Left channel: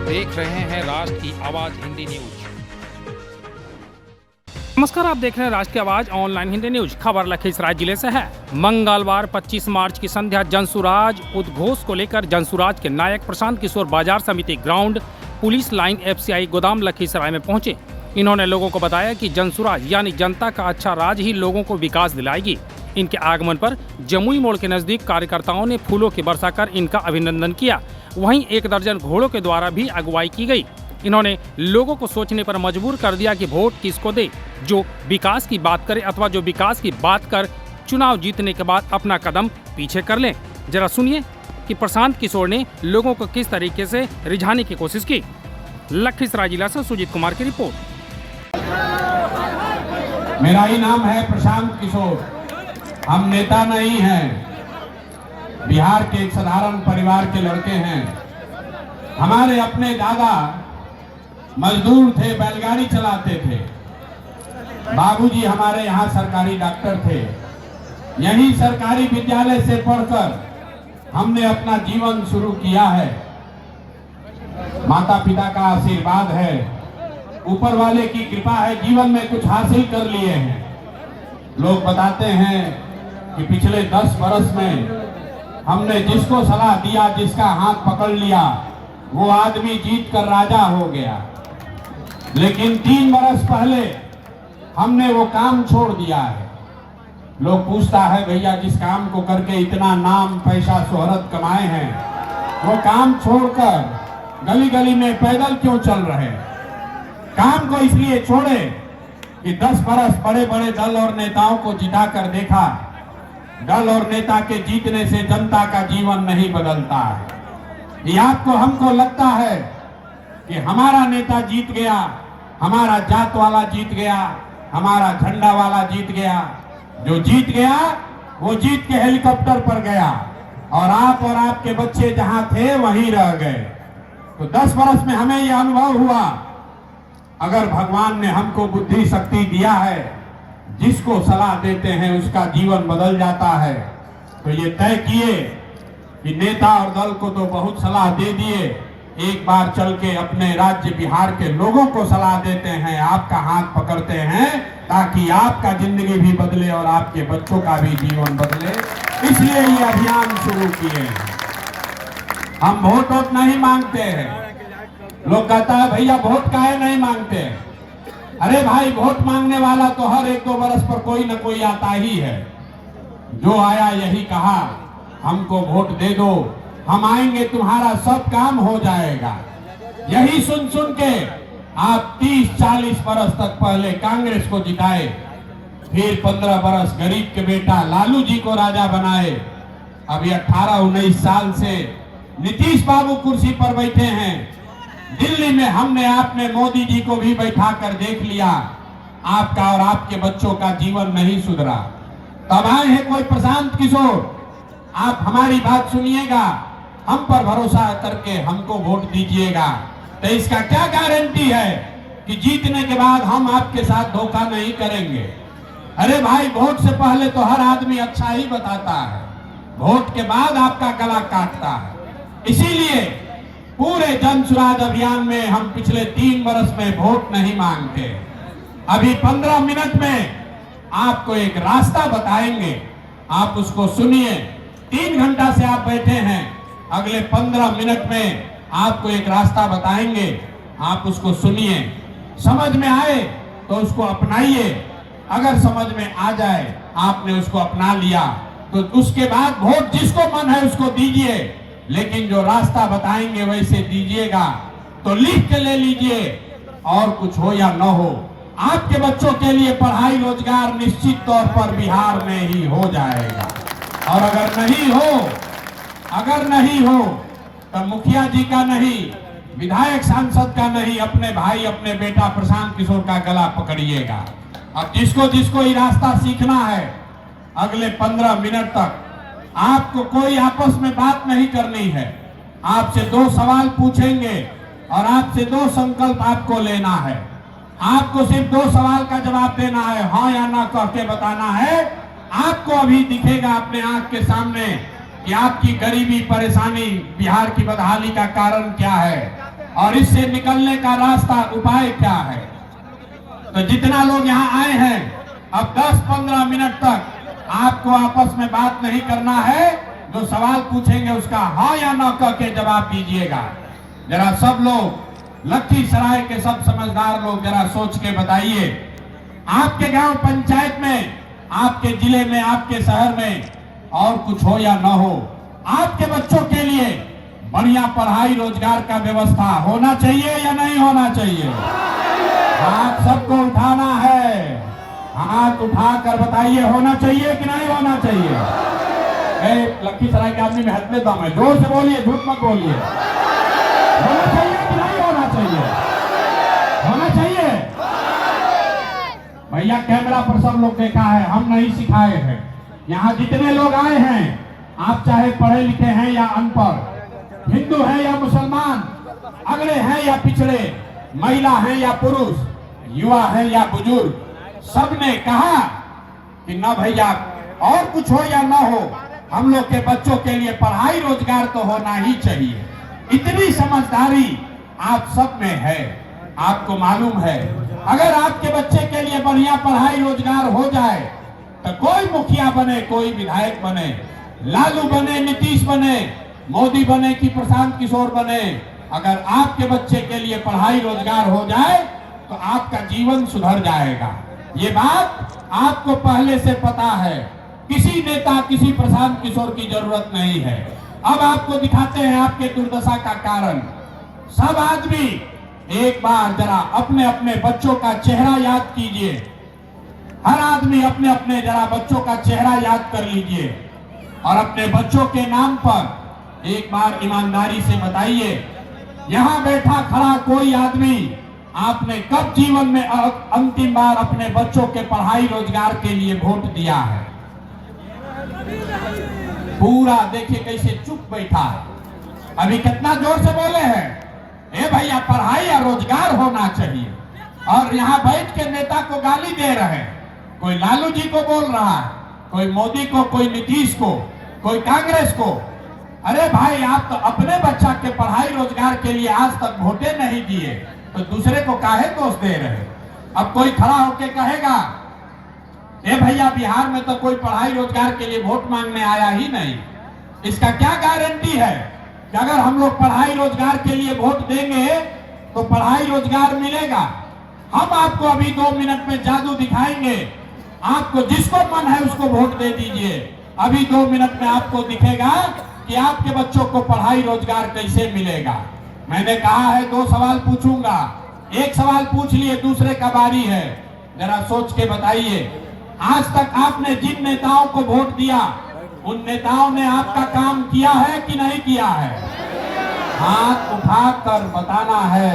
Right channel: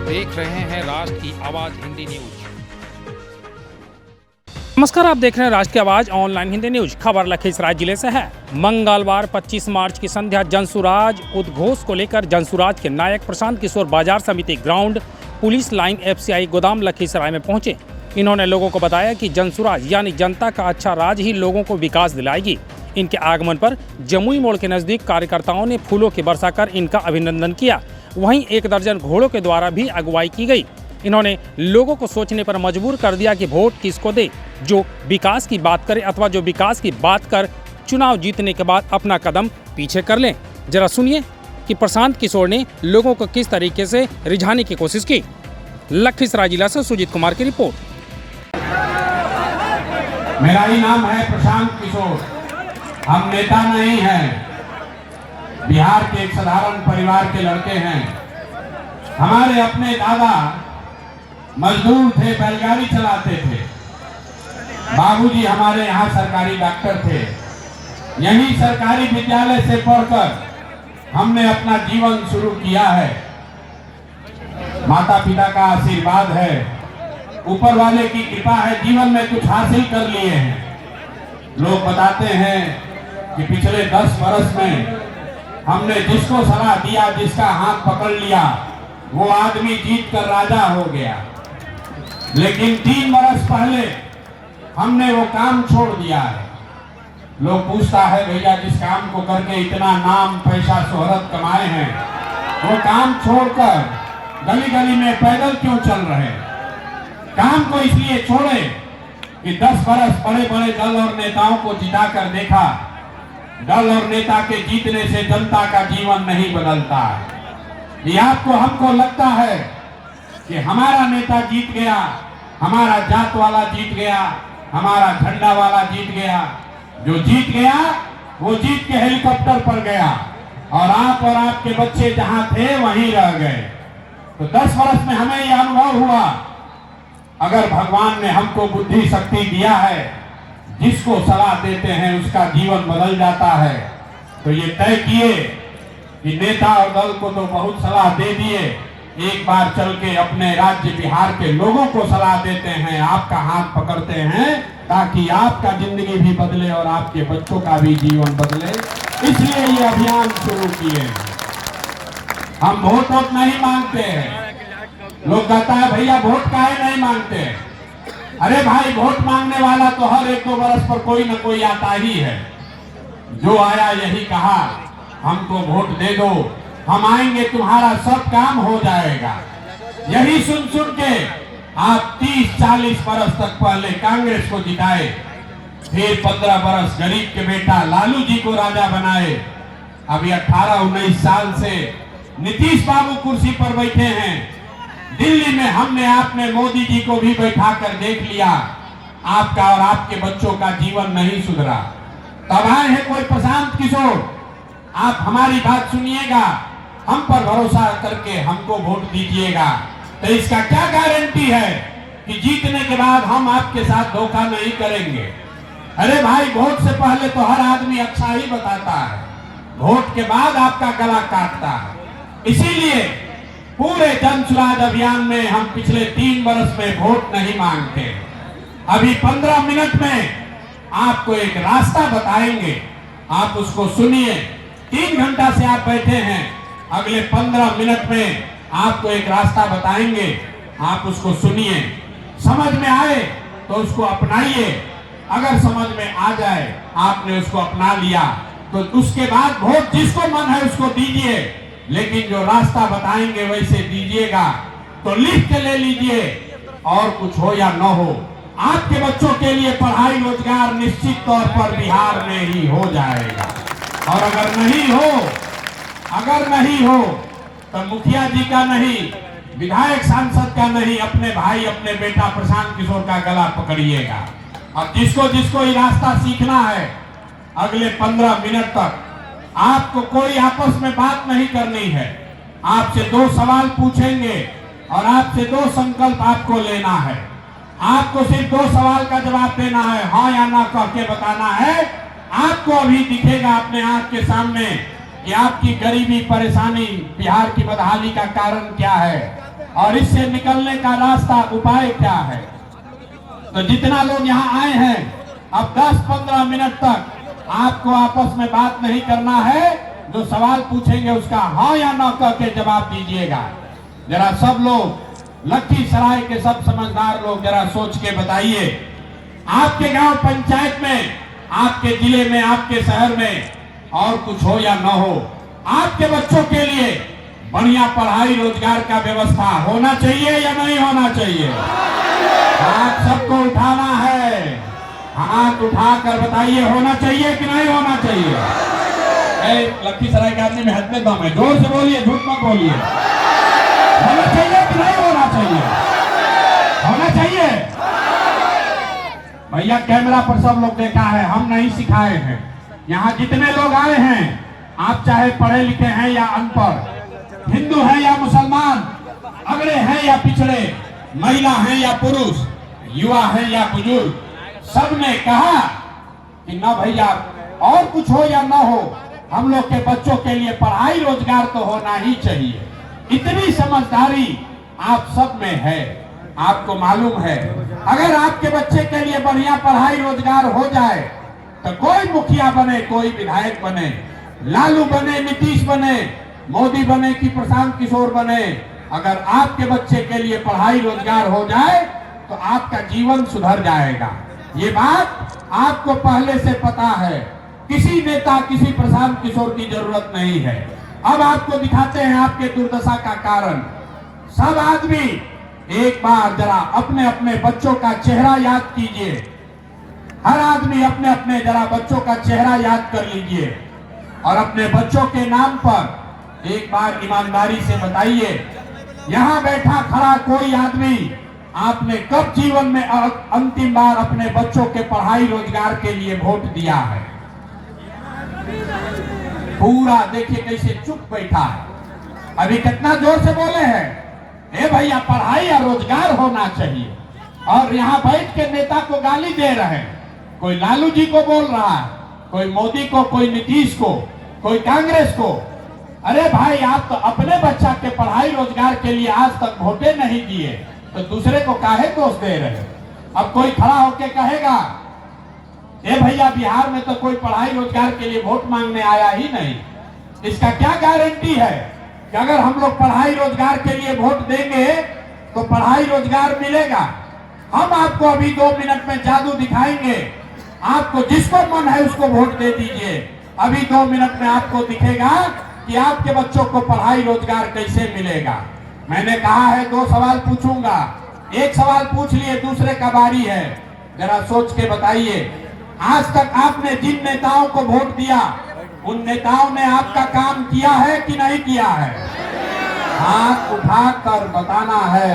देख रहे हैं राष्ट्र की आवाज हिंदी न्यूज। नमस्कार, आप देख रहे हैं राष्ट्र की आवाज ऑनलाइन हिंदी न्यूज। खबर लखीसराय जिले से है। मंगलवार 25 मार्च की संध्या जनसुराज उद्घोष को लेकर जनसुराज के नायक प्रशांत किशोर बाजार समिति ग्राउंड पुलिस लाइन FCI गोदाम लखीसराय में पहुंचे। इन्होंने लोगों को बताया कि जनसुराज यानी जनता का अच्छा राज ही लोगों को विकास दिलाएगी। इनके आगमन पर जमुई मोड़ के नजदीक कार्यकर्ताओं ने फूलों की वर्षा कर इनका अभिनंदन किया। वहीं 1 दर्जन घोड़ों के द्वारा भी अगुवाई की गई। इन्होंने लोगों को सोचने पर मजबूर कर दिया कि वोट किसको दे, जो विकास की बात करे अथवा जो विकास की बात कर चुनाव जीतने के बाद अपना कदम पीछे कर लें। जरा सुनिए कि प्रशांत किशोर ने लोगों को किस तरीके से रिझाने की कोशिश की। लखीसराय जिला से सुजीत कुमार की रिपोर्ट। मेरा ही नाम है प्रशांत किशोर। हम नेता नहीं हैं, बिहार के एक साधारण परिवार के लड़के हैं। हमारे अपने दादा मजदूर थे, बैलगाड़ी चलाते थे। बाबूजी हमारे यहाँ सरकारी डॉक्टर थे। यही सरकारी विद्यालय से पढ़कर हमने अपना जीवन शुरू किया है। माता पिता का आशीर्वाद है, ऊपर वाले की कृपा है, जीवन में कुछ हासिल कर लिए हैं। लोग बताते हैं कि पिछले 10 वर्ष में हमने जिसको सलाह दिया, जिसका हाथ पकड़ लिया, वो आदमी जीत कर राजा हो गया। लेकिन 3 वर्ष पहले हमने वो काम छोड़ दिया है। लोग पूछता है, भैया जिस काम को करके इतना नाम पैसा शोहरत कमाए हैं, वो काम छोड़कर गली गली में पैदल क्यों चल रहे हैं? काम को इसलिए छोड़े कि 10 वर्ष बड़े बड़े दल और नेताओं को जिताकर देखा। दल और नेता के जीतने से जनता का जीवन नहीं बदलता है। ये आपको हमको लगता है कि हमारा नेता जीत गया, हमारा जात वाला जीत गया, हमारा झंडा वाला जीत गया। जो जीत गया वो जीत के हेलीकॉप्टर पर गया और आप और आपके बच्चे जहां थे वहीं रह गए। तो 10 वर्ष में हमें यह अनुभव हुआ, अगर भगवान ने हमको बुद्धि शक्ति दिया है, जिसको सलाह देते हैं उसका जीवन बदल जाता है। तो ये तय किए कि नेता और दल को तो बहुत सलाह दे दिए, एक बार चल के अपने राज्य बिहार के लोगों को सलाह देते हैं, आपका हाथ पकड़ते हैं, ताकि आपका जिंदगी भी बदले और आपके बच्चों का भी जीवन बदले। इसलिए ये अभियान शुरू किए। हम वोट नहीं मांगते हैं। लोग कहता है, भैया वोट काहे नहीं मांगते? अरे भाई, वोट मांगने वाला तो हर 1-2 वर्ष पर कोई न कोई आता ही है। जो आया यही कहा, हमको वोट दे दो, हम आएंगे, तुम्हारा सब काम हो जाएगा। यही सुन सुन के आप 30-40 वर्ष तक पहले कांग्रेस को जिताए, फिर 15 वर्ष गरीब के बेटा लालू जी को राजा बनाए। अभी 18-19 साल से नीतीश बाबू कुर्सी पर बैठे हैं। दिल्ली में हमने आपने मोदी जी को भी बैठा कर देख लिया, आपका और आपके बच्चों का जीवन नहीं सुधरा। तब आए हैं कोई प्रशांत किशोर, आप हमारी बात सुनिएगा, हम पर भरोसा करके हमको वोट दीजिएगा। तो इसका क्या गारंटी है कि जीतने के बाद हम आपके साथ धोखा नहीं करेंगे? अरे भाई, वोट से पहले तो हर आदमी अच्छा ही बताता है, वोट के बाद आपका गला काटता है। इसीलिए पूरे जनसुराज अभियान में हम पिछले 3 वर्ष में वोट नहीं मांगते। अभी 15 मिनट में आपको एक रास्ता बताएंगे, आप उसको सुनिए। 3 घंटा से आप बैठे हैं, अगले 15 मिनट में आपको एक रास्ता बताएंगे, आप उसको सुनिए। समझ में आए तो उसको अपनाइए, अगर समझ में आ जाए, आपने उसको अपना लिया, तो उसके बाद वोट जिसको मन है उसको दीजिए। लेकिन जो रास्ता बताएंगे वैसे दीजिएगा। तो लिख के ले लीजिए, और कुछ हो या न हो, आपके बच्चों के लिए पढ़ाई रोजगार निश्चित तौर पर बिहार में ही हो जाएगा। और अगर नहीं हो तो मुखिया जी का नहीं, विधायक सांसद का नहीं, अपने भाई अपने बेटा प्रशांत किशोर का गला पकड़िएगा। अब जिसको जिसको ये रास्ता सीखना है, अगले 15 मिनट तक आपको कोई आपस में बात नहीं करनी है। आपसे 2 सवाल पूछेंगे और आपसे 2 संकल्प आपको लेना है। आपको सिर्फ 2 सवाल का जवाब देना है, हाँ या ना कह के बताना है। आपको अभी दिखेगा अपने आंख के सामने कि आपकी गरीबी परेशानी, बिहार की बदहाली का कारण क्या है। और इससे निकलने का रास्ता उपाय क्या है। तो जितना लोग यहाँ आए हैं, अब 10-15 मिनट तक आपको आपस में बात नहीं करना है। जो सवाल पूछेंगे उसका हाँ या ना कह के जवाब दीजिएगा। जरा सब लोग, लखीसराय के सब समझदार लोग जरा सोच के बताइए, आपके गांव पंचायत में, आपके जिले में, आपके शहर में और कुछ हो या ना हो, आपके बच्चों के लिए बढ़िया पढ़ाई रोजगार का व्यवस्था होना चाहिए या नहीं होना चाहिए। हाथ सबको उठाना है, हाथ उठाकर बताइए होना चाहिए कि नहीं होना चाहिए। लखीसराय के आदमी में हद में दम है, जोर से बोलिए, झूठ मत बोलिए। होना चाहिए कि नहीं होना चाहिए? होना चाहिए। भैया कैमरा पर सब लोग देखा है, हम नहीं सिखाए हैं। यहाँ जितने लोग आए हैं, आप चाहे पढ़े लिखे हैं या अनपढ़, हिंदू हैं या मुसलमान, अगड़े हैं या पिछड़े, महिला हैं या पुरुष, युवा हैं या बुजुर्ग, सबने कहा कि ना भैया और कुछ हो या ना हो, हम लोग के बच्चों के लिए पढ़ाई रोजगार तो होना ही चाहिए। इतनी समझदारी आप सब में है। आपको मालूम है, अगर आपके बच्चे के लिए बढ़िया पढ़ाई रोजगार हो जाए तो कोई मुखिया बने, कोई विधायक बने, लालू बने, नीतीश बने, मोदी बने कि प्रशांत किशोर बने, अगर आपके बच्चे के लिए पढ़ाई रोजगार हो जाए तो आपका जीवन सुधर जाएगा। ये बात आपको पहले से पता है। किसी नेता, किसी प्रशांत किशोर की जरूरत नहीं है। अब आपको दिखाते हैं आपके दुर्दशा का कारण। सब आदमी एक बार जरा अपने अपने बच्चों का चेहरा याद कीजिए। हर आदमी अपने अपने जरा बच्चों का चेहरा याद कर लीजिए और अपने बच्चों के नाम पर एक बार ईमानदारी से बताइए, यहाँ बैठा खड़ा कोई आदमी आपने कब जीवन में अंतिम बार अपने बच्चों के पढ़ाई रोजगार के लिए वोट दिया है? पूरा देखिए कैसे चुप बैठा है। अभी कितना जोर से बोले हैं, ए भैया पढ़ाई या रोजगार होना चाहिए, और यहाँ बैठ के नेता को गाली दे रहे हैं। कोई लालू जी को बोल रहा है, कोई मोदी को, कोई नीतीश को, कोई कांग्रेस को। अरे भाई आप तो अपने बच्चा के पढ़ाई रोजगार के लिए आज तक वोटे नहीं दिए, तो दूसरे को काहे दोष दे रहे? अब कोई खड़ा होके कहेगा, ए भैया बिहार में तो कोई पढ़ाई रोजगार के लिए वोट मांगने आया ही नहीं। इसका क्या गारंटी है कि अगर हम लोग पढ़ाई रोजगार के लिए वोट देंगे तो पढ़ाई रोजगार मिलेगा? हम आपको अभी 2 मिनट में जादू दिखाएंगे। आपको जिसको मन है उसको वोट दे दीजिए। अभी 2 मिनट में आपको दिखेगा कि आपके बच्चों को पढ़ाई रोजगार कैसे मिलेगा। मैंने कहा है 2 सवाल पूछूंगा, एक सवाल पूछ लिए, दूसरे का बारी है। जरा सोच के बताइए, आज तक आपने जिन नेताओं को वोट दिया उन नेताओं ने आपका काम किया है कि नहीं किया है? हाथ उठाकर बताना है,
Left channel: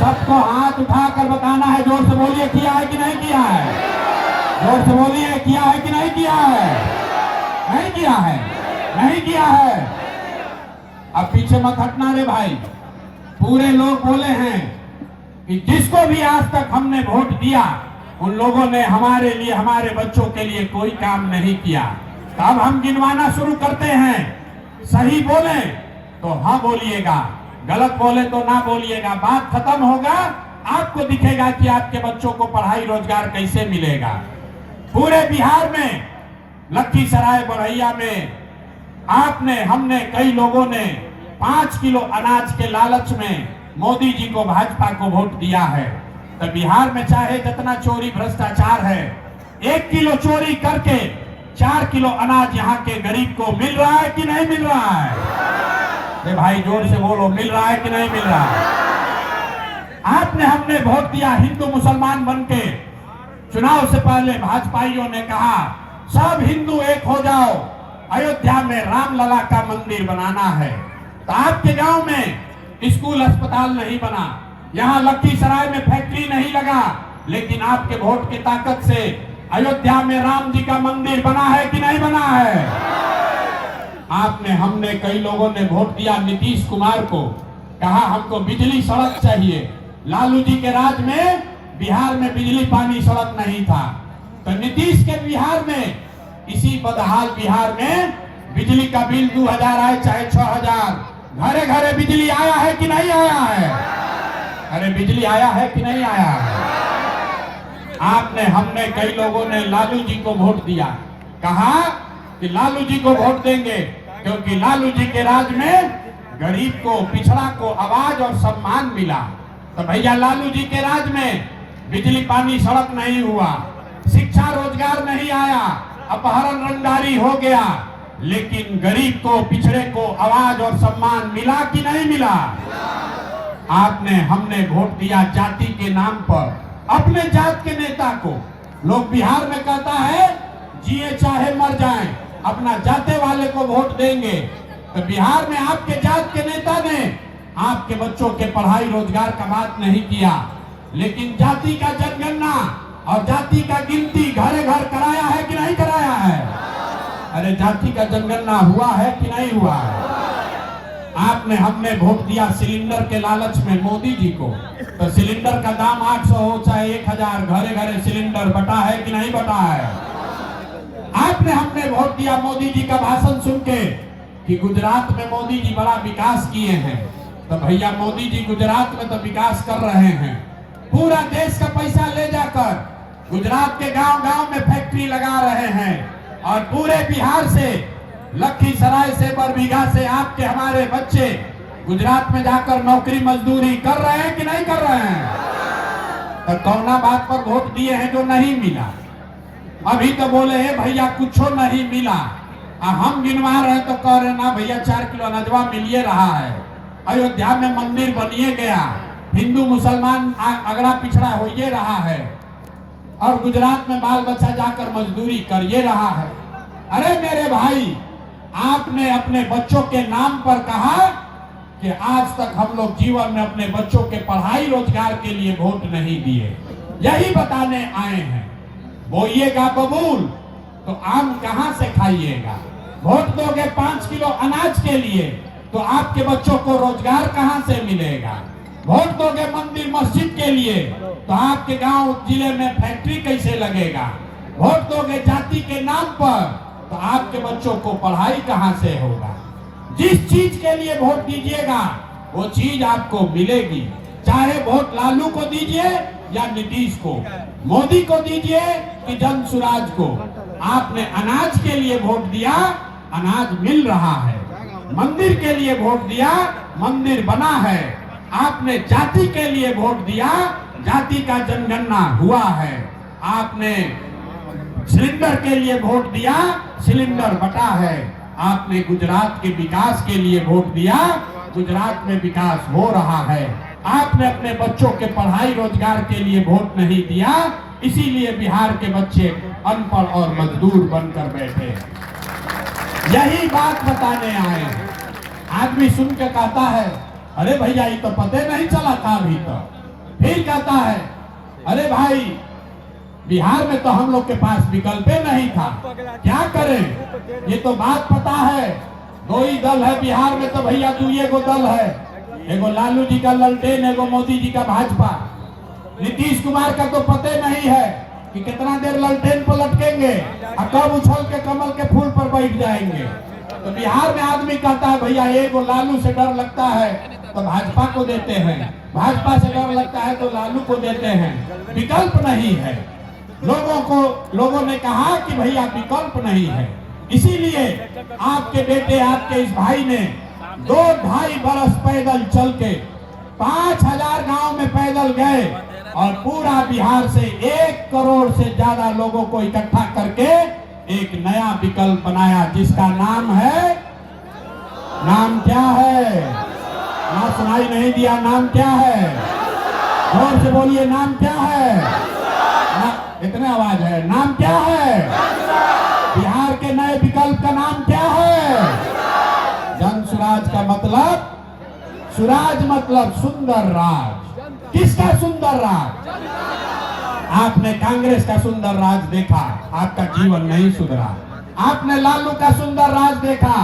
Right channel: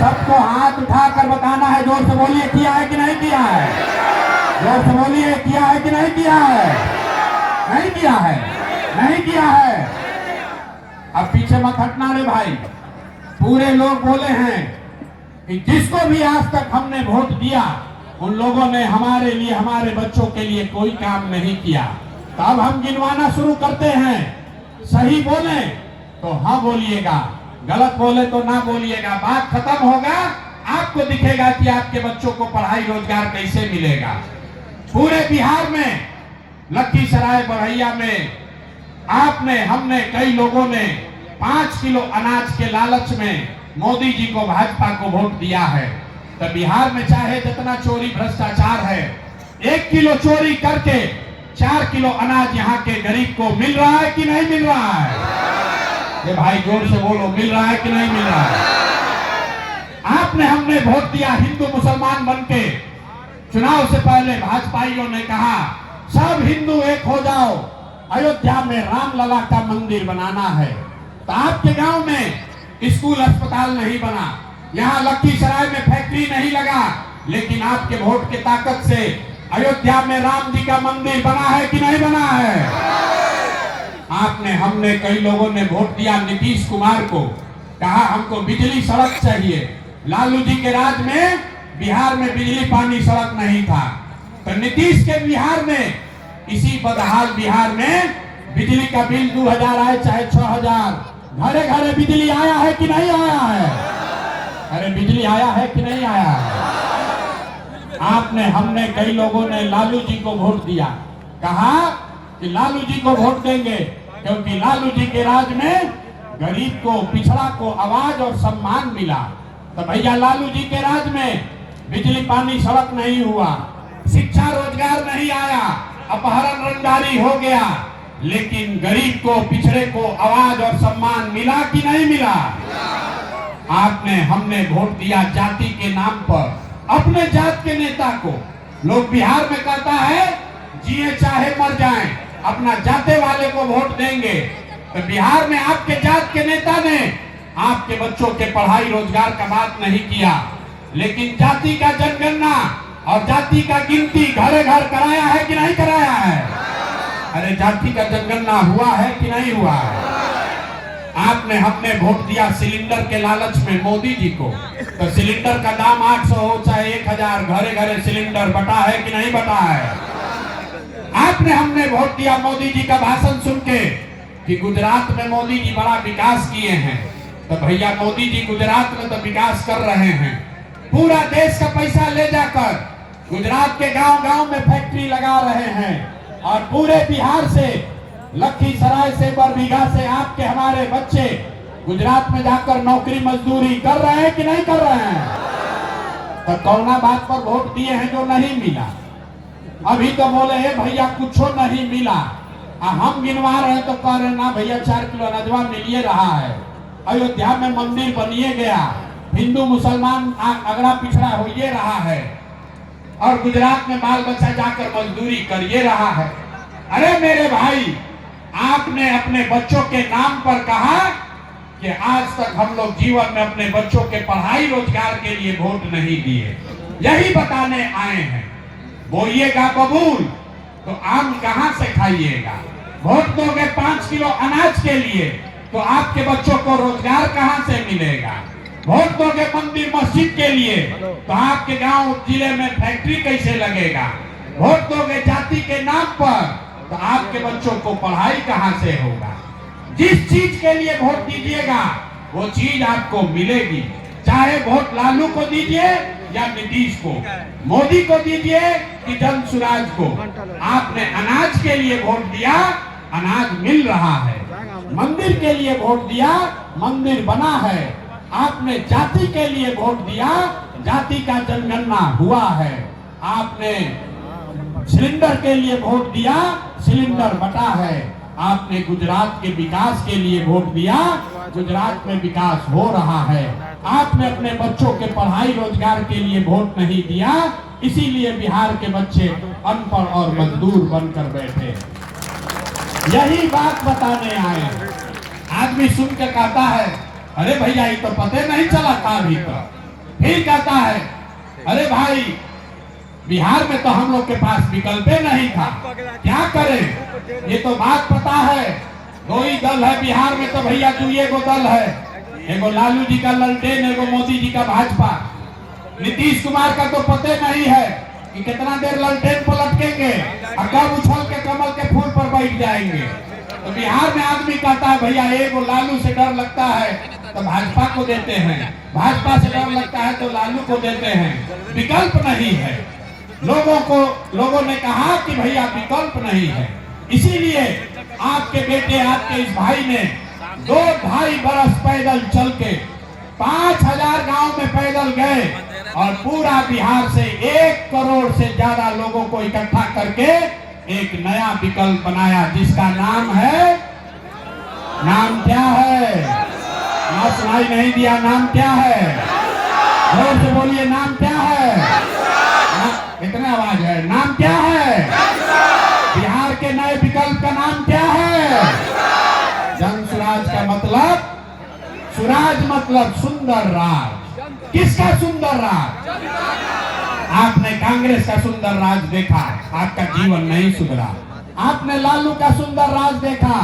सबको हाथ उठाकर बताना है। जोर से बोलिए, किया है कि नहीं किया है? जोर से बोलिए, किया है कि नहीं किया है? नहीं किया है, नहीं किया है। अब पीछे मत हटना रे भाई। पूरे लोग बोले हैं कि जिसको भी आज तक हमने वोट दिया उन लोगों ने हमारे लिए, हमारे बच्चों के लिए कोई काम नहीं किया। तो अब हम गिनवाना शुरू करते हैं। सही बोले तो हाँ बोलिएगा, गलत बोले तो ना बोलिएगा। बात खत्म होगा, आपको दिखेगा कि आपके बच्चों को पढ़ाई रोजगार कैसे मिलेगा। पूरे बिहार में, लखीसराय, बढ़ैया में आपने, हमने, कई लोगों ने 5 किलो अनाज के लालच में मोदी जी को, भाजपा को वोट दिया है। तो बिहार में चाहे जितना चोरी भ्रष्टाचार है, 1 किलो चोरी करके 4 किलो अनाज यहाँ के गरीब को मिल रहा है कि नहीं मिल रहा है? ये भाई जोर से बोलो, मिल रहा है कि नहीं मिल रहा है? आपने, हमने वोट दिया हिंदू मुसलमान बनके। चुनाव से पहले भाजपाइयों ने कहा सब हिंदू एक हो जाओ, अयोध्या में रामलला का मंदिर बनाना है। तो आपके गांव में स्कूल अस्पताल नहीं बना, यहाँ लखीसराय में फैक्ट्री नहीं लगा, लेकिन आपके वोट के ताकत से अयोध्या में राम जी का मंदिर बना है कि नहीं बना है? आपने, हमने, कई लोगों ने वोट दिया नीतीश कुमार को, कहा हमको बिजली सड़क चाहिए। लालू जी के राज में बिहार में बिजली पानी सड़क नहीं था, तो नीतीश के बिहार में, इसी बदहाल बिहार में बिजली का बिल 2000 आए चाहे 6000, घरे घरे बिजली आया है कि नहीं आया है? अरे बिजली आया है कि नहीं आया है? आपने हमने कई लोगों ने लालू जी को वोट दिया, कहा कि लालू जी को वोट देंगे क्योंकि लालू जी के राज में गरीब को, पिछड़ा को आवाज और सम्मान मिला। तो भैया लालू जी के राज में बिजली पानी सड़क नहीं हुआ, शिक्षा रोजगार नहीं आया, अपहरण रंगदारी हो गया, लेकिन गरीब को, पिछड़े को आवाज और सम्मान मिला कि नहीं मिला? आपने हमने वोट दिया जाति के नाम पर, अपने जात के नेता को। लोग बिहार में कहता है जिए चाहे मर जाएं, अपना जाते वाले को वोट देंगे। तो बिहार में आपके जात के नेता ने आपके बच्चों के पढ़ाई रोजगार का बात नहीं किया, लेकिन जाति का जनगणना और जाति का गिनती घरे घर कराया है कि नहीं कराया है? अरे जाति का जनगणना हुआ है कि नहीं हुआ है? आपने हमने वोट दिया सिलेंडर के लालच में मोदी जी को। तो सिलेंडर का दाम 800 हो चाहे 1000, घरे घरे सिलेंडर बटा है कि नहीं बटा है? आपने हमने वोट दिया मोदी जी का भाषण सुन के कि गुजरात में मोदी जी बड़ा विकास किए हैं। तो भैया मोदी जी गुजरात में तो विकास कर रहे हैं, पूरा देश का पैसा ले जाकर गुजरात के गांव गांव में फैक्ट्री लगा रहे हैं और पूरे बिहार से, लखीसराय से, बरबीघा से आपके हमारे बच्चे गुजरात में जाकर नौकरी मजदूरी कर रहे हैं कि नहीं कर रहे हैं? तो कौना बात पर वोट दिए हैं जो नहीं मिला? अभी तो बोले है भैया कुछ नहीं मिला, हम गिनवा रहे तो कह रहे ना भैया 4 किलो अनाजवा मिलिए रहा है, अयोध्या में मंदिर बनिए गया, हिंदू मुसलमान अगला पिछड़ा होइए रहा है, और गुजरात में बाल बच्चा जाकर मजदूरी करिए रहा है। अरे मेरे भाई, आपने अपने बच्चों के नाम पर कहा कि आज तक हम लोग जीवन में अपने बच्चों के पढ़ाई रोजगार के लिए वोट नहीं दिए, यही बताने आए हैं। बोलिएगा कबूल तो आम कहां से खाइएगा? वोट दोगे 5 किलो अनाज के लिए तो आपके बच्चों को रोजगार कहां से मिलेगा? वोट दोगे मंदिर मस्जिद के लिए तो आपके गांव जिले में फैक्ट्री कैसे लगेगा? वोट दोगे जाति के नाम पर तो आपके बच्चों को पढ़ाई कहां से होगा? जिस चीज के लिए वोट दीजिएगा वो चीज आपको मिलेगी, चाहे वोट लालू को दीजिए या नीतीश को, मोदी को दीजिए कि जनसुराज को। आपने अनाज के लिए वोट दिया, अनाज मिल रहा है। मंदिर के लिए वोट दिया, मंदिर बना है। आपने जाति के लिए वोट दिया, जाति का जनगणना हुआ है। आपने सिलेंडर के लिए वोट दिया, सिलेंडर बटा है। आपने गुजरात के विकास के लिए वोट दिया, गुजरात में विकास हो रहा है। आपने अपने बच्चों के पढ़ाई रोजगार के लिए वोट नहीं दिया, इसीलिए बिहार के बच्चे अनपढ़ और मजदूर बनकर बैठे। यही बात बताने आए। आदमी सुन के कहता है अरे भैया ये तो पता नहीं चला था अभी तक। फिर कहता है अरे भाई बिहार में तो हम लोग के पास विकल्प नहीं था, क्या करें? ये तो बात पता है, दो ही दल है बिहार में, तो भैया तू ये गो दल है, एगो लालू जी का ललटेन, एगो मोदी जी का भाजपा। नीतीश कुमार का तो पता नहीं है कि कितना देर ललटेन पर लटकेंगे और कब उछल के कमल के फूल पर बैठ जाएंगे। तो बिहार में आदमी कहता है भैया एगो लालू से डर लगता है तो भाजपा को देते हैं, भाजपा से डर लगता है तो लालू को देते हैं। विकल्प नहीं है। लोगों ने कहा कि भैया विकल्प नहीं है, इसीलिए आपके बेटे, आपके इस भाई ने 2-2.5 बरस पैदल चल के 5000 गांव में पैदल गए और पूरा बिहार से 1 करोड़ से ज्यादा लोगों को इकट्ठा करके एक नया विकल्प बनाया, जिसका नाम है, नाम क्या है? ना सुनाई नहीं दिया, नाम क्या है? जोर से बोलिए, नाम क्या है? इतना आवाज है, नाम क्या है? बिहार के नए विकल्प का नाम क्या है? जनसुराज का मतलब, सुराज मतलब सुंदर राज। किसका सुंदर राज? आपने कांग्रेस का सुंदर राज देखा, आपका जीवन नहीं सुधरा। आपने लालू का सुंदर राज देखा,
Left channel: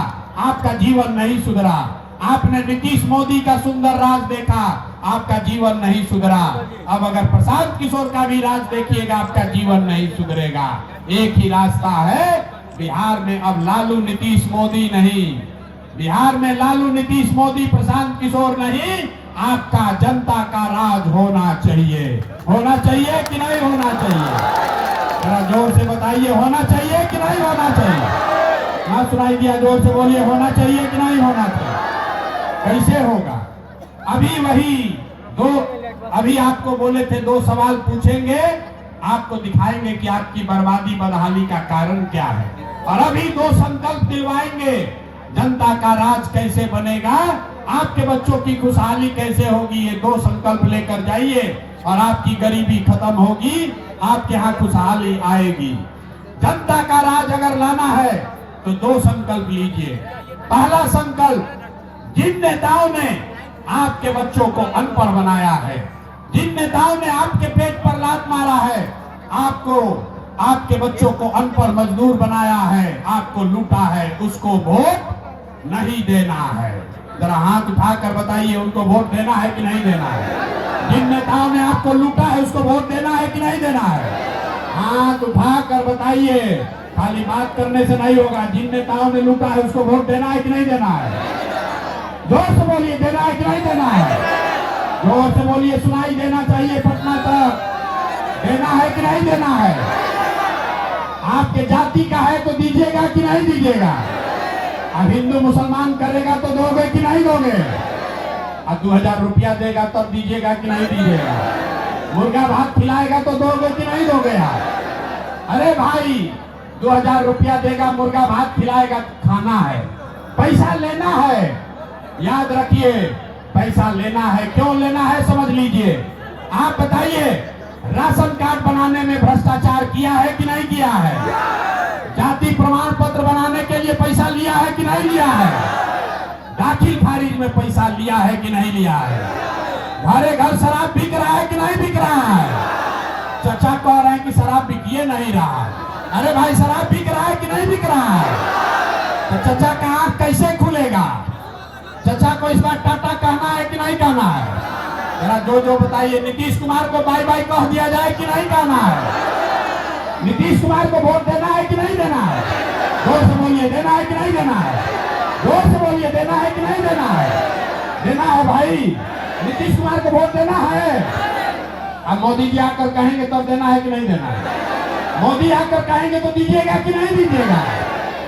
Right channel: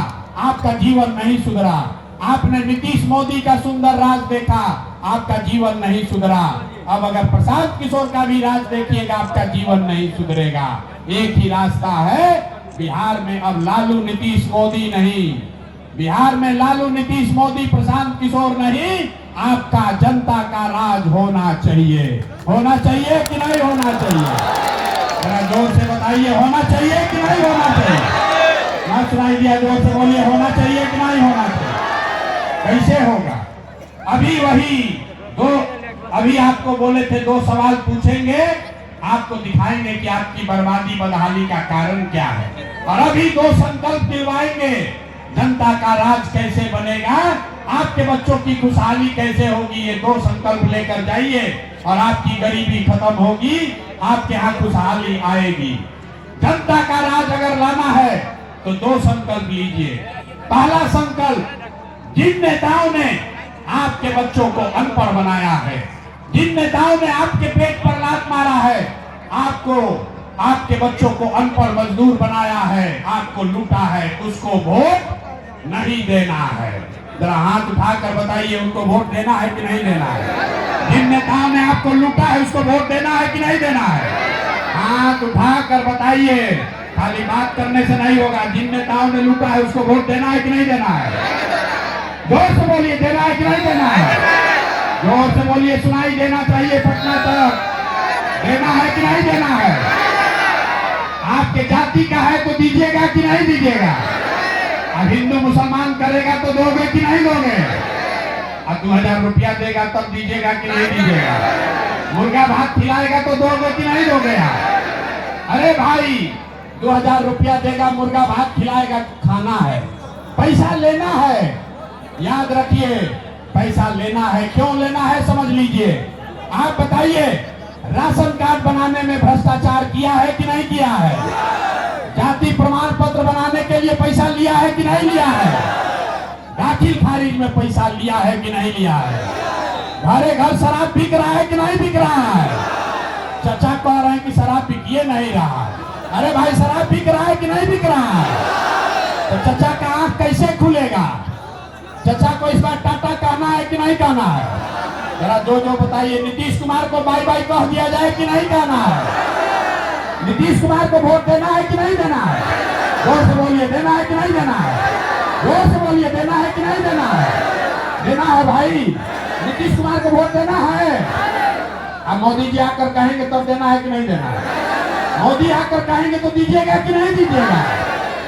आपका जीवन नहीं सुधरा। आपने नीतीश मोदी का सुंदर राज देखा, आपका जीवन नहीं सुधरा। अब अगर प्रशांत किशोर का भी राज देखिएगा, आपका जीवन नहीं सुधरेगा। एक ही रास्ता है बिहार में, अब लालू नीतीश मोदी नहीं। बिहार में लालू नीतीश मोदी किशोर नहीं, आपका जनता का राज होना चाहिए। होना चाहिए कि नहीं होना चाहिए? जरा जोर से बताइए, होना चाहिए कि नहीं होना चाहिए? ना सुनाई दिया, जोर से बोलिए, होना चाहिए कि नहीं होना चाहिए? कैसे होगा? अभी आपको बोले थे 2 सवाल पूछेंगे, आपको दिखाएंगे कि आपकी बर्बादी बदहाली का कारण क्या है। और अभी 2 संकल्प दिलवाएंगे, जनता का राज कैसे बनेगा, आपके बच्चों की खुशहाली कैसे होगी। ये 2 संकल्प लेकर जाइए और आपकी गरीबी खत्म होगी, आपके यहाँ खुशहाली आएगी। जनता का राज अगर लाना है तो 2 संकल्प लीजिए। पहला संकल्प, जिन नेताओं ने आपके बच्चों को अनपढ़ बनाया है, जिन नेताओं ने आपके पेट पर लात मारा है, आपको आपके बच्चों को अनपढ़ मजदूर बनाया है, आपको लूटा है, उसको वोट नहीं देना है। जरा हाथ उठाकर बताइए, उनको वोट देना है कि नहीं देना है? जिन नेताओं ने आपको लूटा है उसको वोट देना है कि नहीं देना है? हाथ उठाकर बताइए, खाली बात करने से नहीं होगा। जिन नेताओं ने लूटा है उसको वोट देना है कि नहीं देना है? जोर से बोलिए, देना है कि नहीं देना है? जोर से बोलिए, सुनाई देना चाहिए पटना तक। देना है कि नहीं देना है? आपके जाति का है तो दीजिएगा कि नहीं दीजिएगा? अब हिंदू मुसलमान करेगा तो दोगे कि नहीं दोगे? अब 2000 रुपया देगा तब दीजिएगा कि नहीं दीजिएगा? मुर्गा भात खिलाएगा तो दोगे कि नहीं दोगे? अरे भाई, 2000 रुपया देगा, मुर्गा भात खिलाएगा, खाना है, पैसा लेना है। याद रखिए, पैसा लेना है। क्यों लेना है समझ लीजिए। आप बताइए, राशन कार्ड बनाने में भ्रष्टाचार किया है कि नहीं किया है? जाति प्रमाण पत्र बनाने के लिए पैसा लिया है कि नहीं लिया है? दाखिल खारिज में पैसा लिया है कि नहीं लिया है? घरे घर शराब बिक रहा है कि नहीं बिक रहा है? चचा कह रहे हैं कि शराब बिकिए नहीं रहा। अरे भाई, शराब बिक रहा है कि नहीं बिक रहा है? तो चचा का आंख कैसे खुलेगा? चचा को इस बार टाटा कहना है कि नहीं कहना है? जरा जो बताइए, नीतीश कुमार को बाय बाय कह दिया जाए कि नहीं कहना है? नीतीश कुमार को वोट देना है कि नहीं देना है? जोर से बोलिए, देना है कि नहीं देना है? जोर से बोलिए, देना है कि नहीं देना है? देना है भाई, नीतीश कुमार को वोट देना है। अब मोदी जी आकर कहेंगे तो देना है कि नहीं देना है? मोदी आकर कहेंगे तो दीजिएगा कि नहीं दीजिएगा?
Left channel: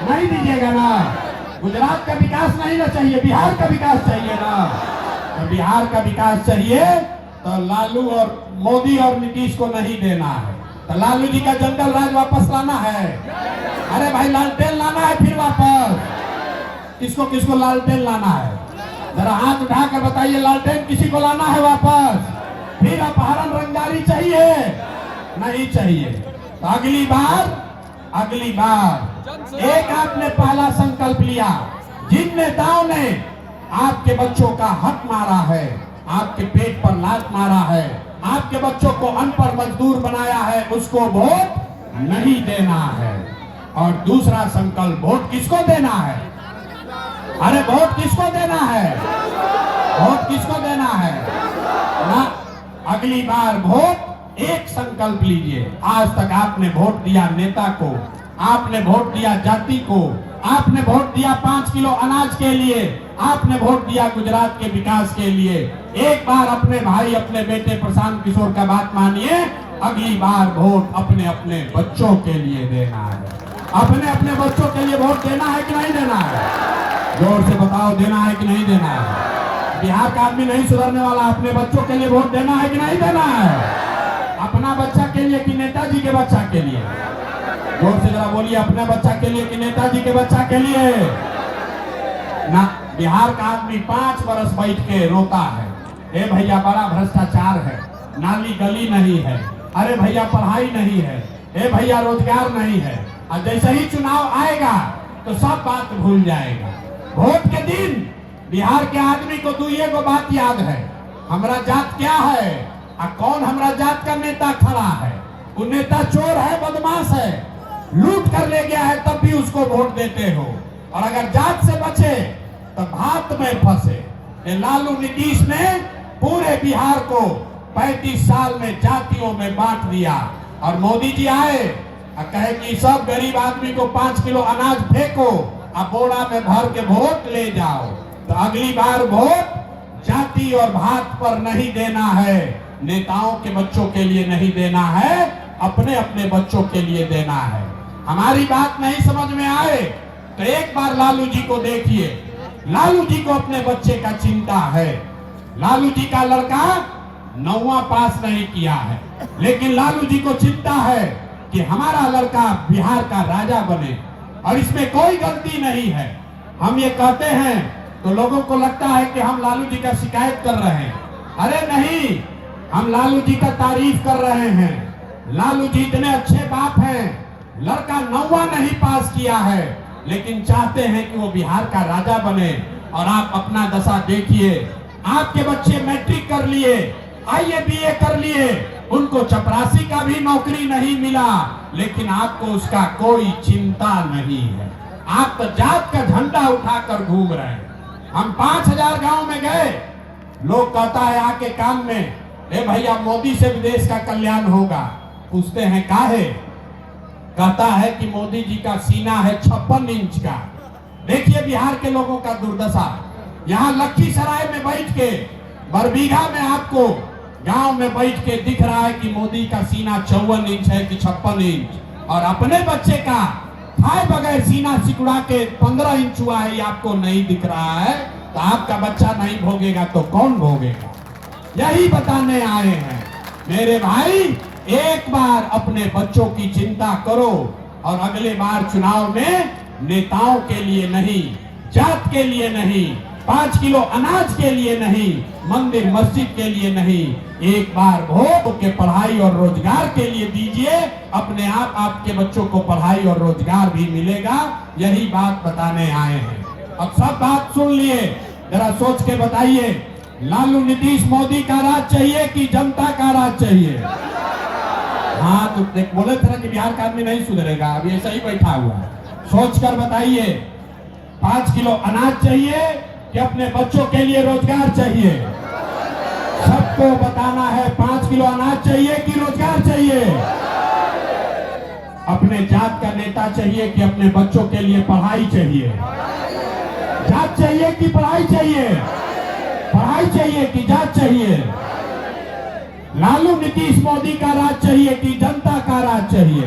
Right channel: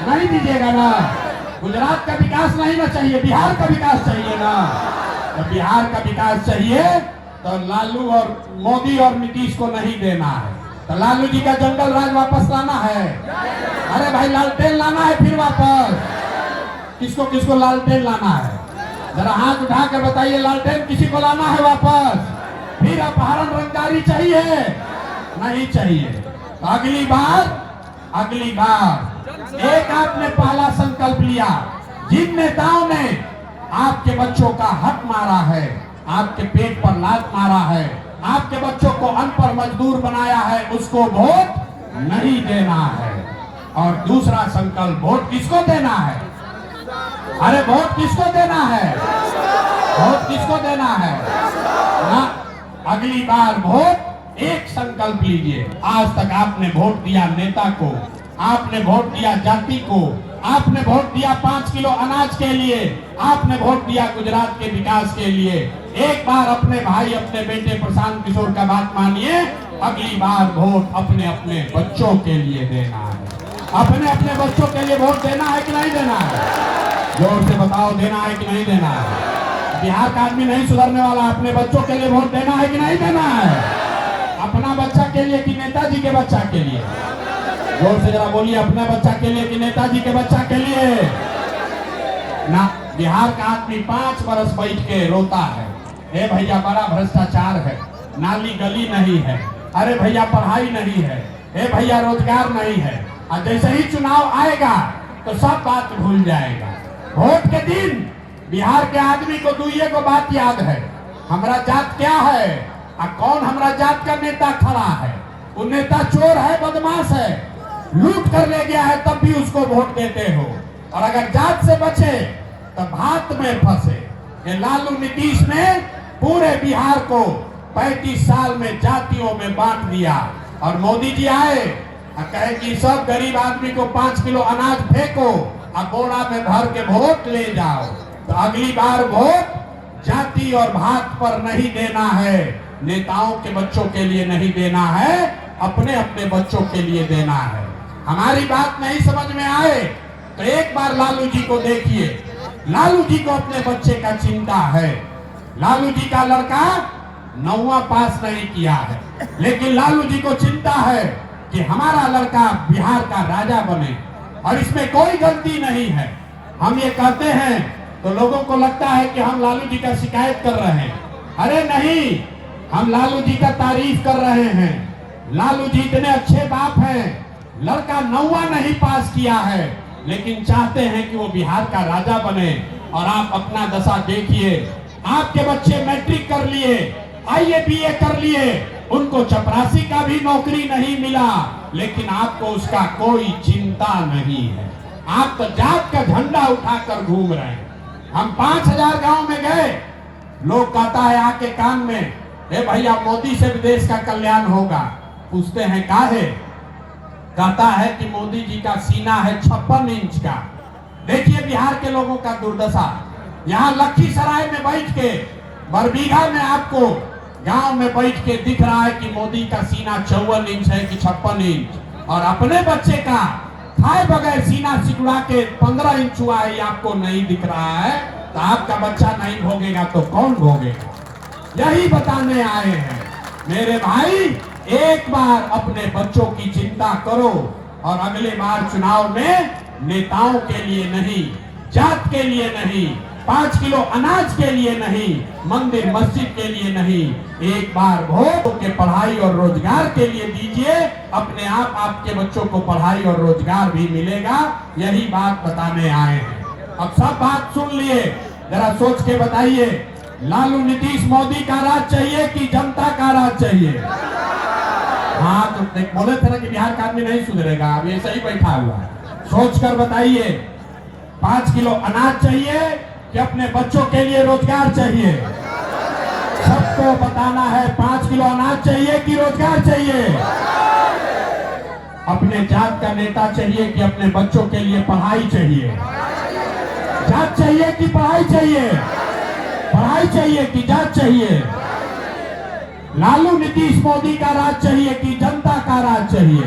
नहीं दीजिएगा ना। गुजरात का विकास नहीं ना चाहिए, बिहार का विकास चाहिए ना। तो बिहार का विकास चाहिए तो लालू और मोदी और नीतीश को नहीं देना है। तो लालू जी का जंगल राज वापस लाना है। अरे भाई, लालटेन लाना है फिर वापस। किसको किसको लालटेन लाना है? जरा हाथ उठाकर बताइए, लालटेन किसी को लाना है वापस? फिर अपहरण रंगदारी चाहिए? नहीं चाहिए। तो अगली बार एक आपने पहला संकल्प लिया, जिन नेताओं ने आपके बच्चों का हक मारा है, आपके पेट पर लात मारा है, आपके बच्चों को अनपढ़ मजदूर बनाया है, उसको वोट नहीं देना है। और दूसरा संकल्प, वोट किसको देना है? अरे वोट किसको देना है? वोट किसको देना है ना? अगली बार वोट, एक संकल्प लीजिए। आज तक आपने वोट दिया नेता को, आपने वोट दिया जाति को, आपने वोट दिया 5 किलो अनाज के लिए, आपने वोट दिया गुजरात के विकास के लिए। एक बार अपने भाई, अपने बेटे प्रशांत किशोर का बात मानिए, अगली बार वोट अपने अपने बच्चों के लिए देना है। अपने अपने बच्चों के लिए वोट देना है कि नहीं देना है? जोर से बताओ, देना है कि नहीं देना है? बिहार का आदमी नहीं सुधरने वाला। अपने बच्चों के लिए वोट देना है कि नहीं देना है? अपना बच्चा के लिए कि नेताजी के बच्चा के लिए? जोर से जरा बोलिए, अपने बच्चा के लिए कि नेताजी के बच्चा के लिए? ना, बिहार का आदमी 5 बरस बैठ के रोता है, हे भैया बड़ा भ्रष्टाचार है, नाली गली नहीं है, अरे भैया पढ़ाई नहीं है, हे भैया रोजगार नहीं है। और जैसे ही चुनाव आएगा तो सब बात भूल जाएगा। वोट के दिन बिहार के आदमी को 2 बात याद है, हमारा जात क्या है और कौन हमारा जात का नेता खड़ा है। वो नेता चोर है, बदमाश है, लूट कर ले गया है, तब भी उसको वोट देते हो। और अगर जात से बचे तो भात में फंसे। ये लालू नीतीश ने पूरे बिहार को 35 साल में जातियों में बांट दिया। और मोदी जी आए और कहे कि सब गरीब आदमी को 5 किलो अनाज फेंको और बोरा में भर के वोट ले जाओ। तो अगली बार वोट जाति और भात पर नहीं देना है, नेताओं के बच्चों के लिए नहीं देना है, अपने अपने बच्चों के लिए देना है। हमारी बात नहीं समझ में आए तो एक बार लालू जी को देखिए। लालू जी को अपने बच्चे का चिंता है। लालू जी का लड़का 9वां पास नहीं किया है, लेकिन लालू जी को चिंता है कि हमारा लड़का बिहार का राजा बने, और इसमें कोई गलती नहीं है। हम ये कहते हैं तो लोगों को लगता है कि हम लालू जी का शिकायत कर रहे हैं। अरे नहीं, हम लालू जी का तारीफ कर रहे हैं। लालू जी इतने अच्छे बाप हैं, लड़का 9वां नहीं पास किया है, लेकिन चाहते हैं कि वो बिहार का राजा बने। और आप अपना दशा देखिए, आपके बच्चे मैट्रिक कर लिए, आईए बीए कर लिए, उनको चपरासी का भी नौकरी नहीं मिला, लेकिन आपको उसका कोई चिंता नहीं है। आप तो जात का झंडा उठाकर घूम रहे हैं। हम 5000 गांव में गए, लोग कहता है आके कान में, ए भैया मोदी से भी देश का कल्याण होगा। पूछते हैं काहे? कहता है कि मोदी जी का सीना है 56 इंच का। देखिए बिहार के लोगों का दुर्दशा। यहाँ लखीसराय में बैठ के, बरबीघा में आपको गांव में बैठ के दिख रहा है कि मोदी का सीना 54 इंच है कि 56 इंच, और अपने बच्चे का खाए बगैर सीना सिकुड़ा के 15 इंच हुआ है, ये आपको नहीं दिख रहा है। तो आपका बच्चा नहीं भोगेगा तो कौन भोगेगा? यही बताने आए हैं मेरे भाई। एक बार अपने बच्चों की चिंता करो, और अगले बार चुनाव में नेताओं के लिए नहीं, जात के लिए नहीं, 5 किलो अनाज के लिए नहीं, मंदिर मस्जिद के लिए नहीं, एक बार वोट के पढ़ाई और रोजगार के लिए दीजिए। अपने आप आपके बच्चों को पढ़ाई और रोजगार भी मिलेगा। यही बात बताने आए हैं। अब सब बात सुन लिए, जरा सोच के बताइए, लालू नीतीश मोदी का राज चाहिए कि जनता का राज चाहिए? हाँ, तो बोले थे ना कि बिहार का आदमी नहीं सुधरेगा, अब ऐसा ही बैठा हुआ है। सोच कर बताइए, 5 किलो अनाज चाहिए कि अपने बच्चों के लिए रोजगार चाहिए? सबको बताना है, 5 किलो अनाज चाहिए कि रोजगार चाहिए? अपने जात का नेता चाहिए कि अपने बच्चों के लिए पढ़ाई चाहिए? जात चाहिए कि पढ़ाई चाहिए? पढ़ाई चाहिए कि जात चाहिए? लालू नीतीश मोदी का राज चाहिए कि जनता का राज चाहिए?